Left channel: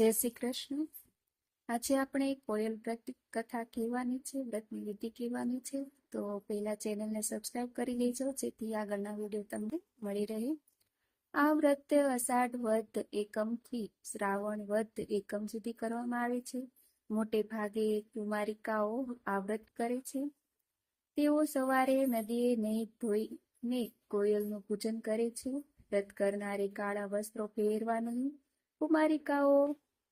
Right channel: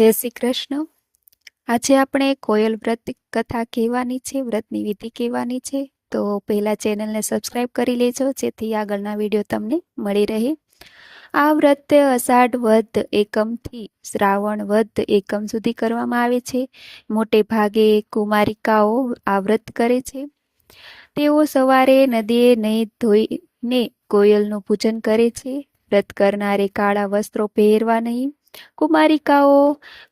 જય શ્રી કૃષ્ણ. આજે આપણે કોયલ વ્રત કથા કહેવાની છે, વ્રતની વિધિ કહેવાની છે. તો પહેલાં ચેનલને સબસ્ક્રાઈબ કરી લેજો, જેથી આગળના વીડિયો તમને મળી રહે. આ વ્રત અષાઢ વધ એકમથી શ્રાવણ વધ એકમ સુધી કરવામાં આવે છે. મોટે ભાગે કુમારિકાઓ આ વ્રત કરે છે. તેઓ સવારે નદીએ નહીં ધોઈને કોયલનું પૂજન કરે છે. વ્રત કરનારે કાળા વસ્ત્રો પહેરવા નહીં કુમારિકાઓ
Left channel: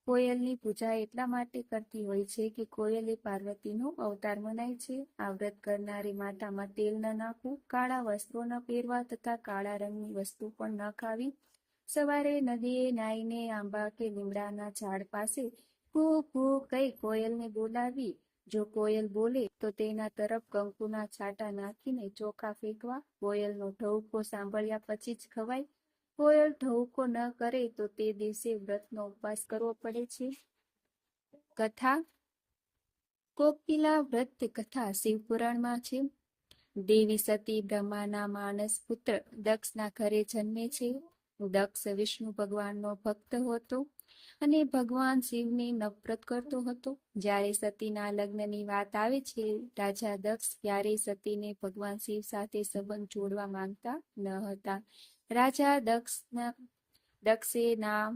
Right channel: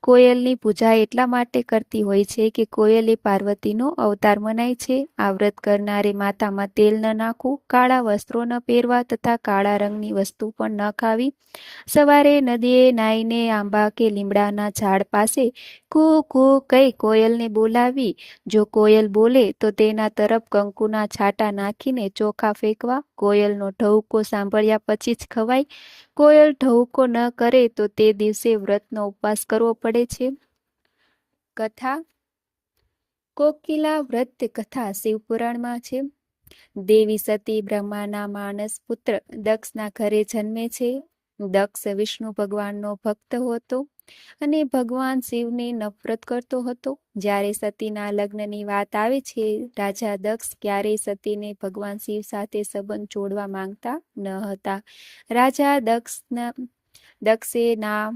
કોયલની પૂજા એટલા માટે કરતી હોય છે કે કોયલ પાર્વતીનો અવતાર મનાય છે. આ વ્રત કરનારે માથામાં તેલ ન નાખવું, કાળા વસ્ત્રો ન પહેરવા તથા કાળા રંગની વસ્તુ પણ ન ખાવી. સવારે નદીએ નાઈને આંબા કે લીમડાના ઝાડ પાસે કૂ કૂ કઈ કોયલને બોલાવી. જો કોયલ બોલે તો તેના તરફ કંકુના છાંટા નાખીને ચોખા ફેંકવા. કોયલનો ઢવકો સાંભળ્યા પછી જ ખવાય. કોયલ ઢવકો ન કરે તો તે દિવસે વ્રતનો ઉપવાસ કરવો પડે છે. કથા. કોકિલા વ્રત કથા શિવપુરાણમાં છે. દેવી સતી, બ્રહ્માના માનસ પુત્ર દક્ષના ઘરે જન્મે છે. દક્ષ વિષ્ણુ ભગવાનનો ભક્ત હતો અને ભગવાન શિવને નફરત કરતો હતો. જ્યારે સતીના લગ્નની વાત આવે છે, રાજા દક્ષ ક્યારેય સતીને ભગવાન શિવ સાથે સંબંધ જોડવા માંગતા ન હતા. રાજા દક્ષના દક્ષે ના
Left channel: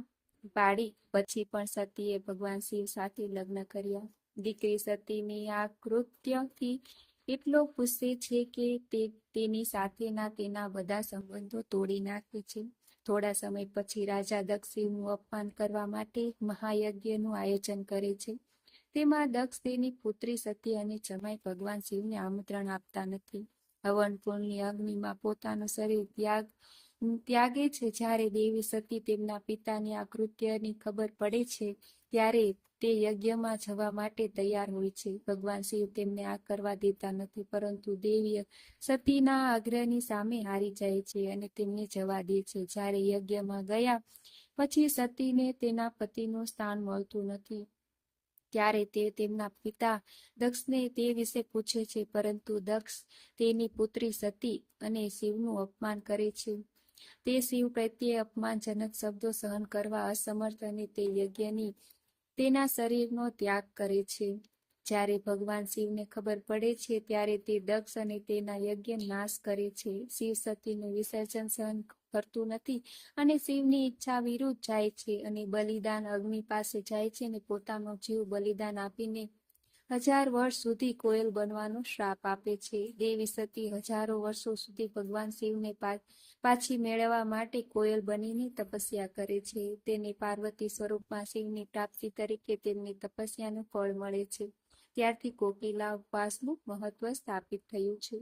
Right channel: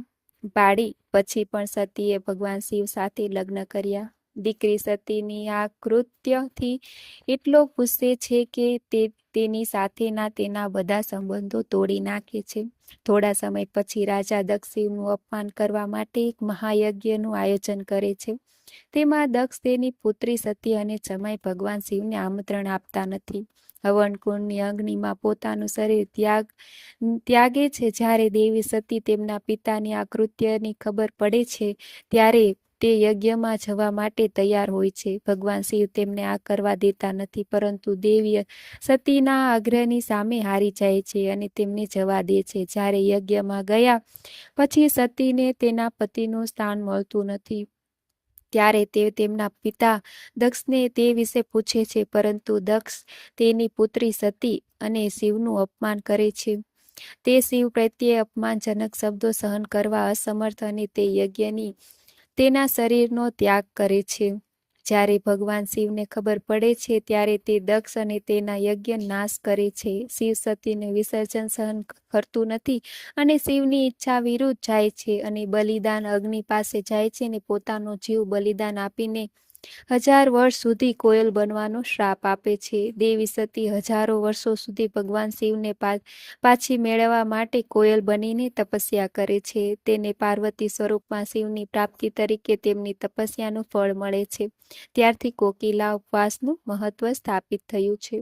પાડી, પછી પણ સતીએ ભગવાન શિવ સાથે લગ્ન કર્યા. દીકરી સતીની આ કૃત્યથી એટલો ગુસ્સે છે કે તે તેની સાથેના તેના બધા સંબંધો તોડી નાખે છે. થોડા સમય પછી રાજા દક્ષિણનું અપમાન કરવા માટે એક મહાયજ્ઞનું આયોજન કરે છે. તેમાં દક્ષ, તેની પુત્રી સતી અને જમાઈ ભગવાન શિવને આમંત્રણ આપતા નથી. હવન કુંડની અગ્નિમાં પોતાનું શરીર ત્યાગ, ત્યાગે છે. જ્યારે દેવી સતી તેમના પિતાની આ ખબર પડે છે, ત્યારે તે યજ્ઞમાં જવા માટે તૈયાર હોય છે. ભગવાન શિવ તેમને આ કરવા દેતા નથી, પરંતુ દેવી સતીના આગ્રહની સામે હારી જાય છે અને તેમને જવા દે છે. જ્યારે યજ્ઞમાં ગયા પછી સતીને તેના પતિનું સ્થાન મળતું નથી. ત્યારે તે તેમના પિતા દક્ષને તે વિશે પૂછે છે, પરંતુ દક્ષ તેની પુત્રી સતી અને શિવનું અપમાન કરે છે. તે શિવ પ્રત્યે અપમાનજનક શબ્દો સહન કરવા અસમર્થ અને તે યજ્ઞની, તેના શરીરનો ત્યાગ કરે છે. જ્યારે ભગવાન શિવને ખબર પડે છે, ત્યારે તે દક્ષ અને તેના યજ્ઞ નાશ કરે છે. શિવ સતીને વિસર્જન સહન કરતું નથી અને શિવની ઈચ્છા વિરુદ્ધ જાય છે અને બલિદાન અગ્નિ પાસે જાય છે અને પોતાનો જીવ બલિદાન આપીને હજાર વર્ષ સુધી કોયલ બનવાનો શ્રાપ આપે છે. દેવી સતી હજારો વર્ષો સુધી ભગવાન શિવને પાછી મેળવવા માટે કોયલ બનીને તપસ્યા કરે છે. તેને પાર્વતી સ્વરૂપમાં શિવની પ્રાપ્તિ તરીકે તેમની તપસ્યાનું ફળ મળે છે. ત્યારથી કોકિલા ઉપવાસનું મહત્વ સ્થાપિત થયું છે.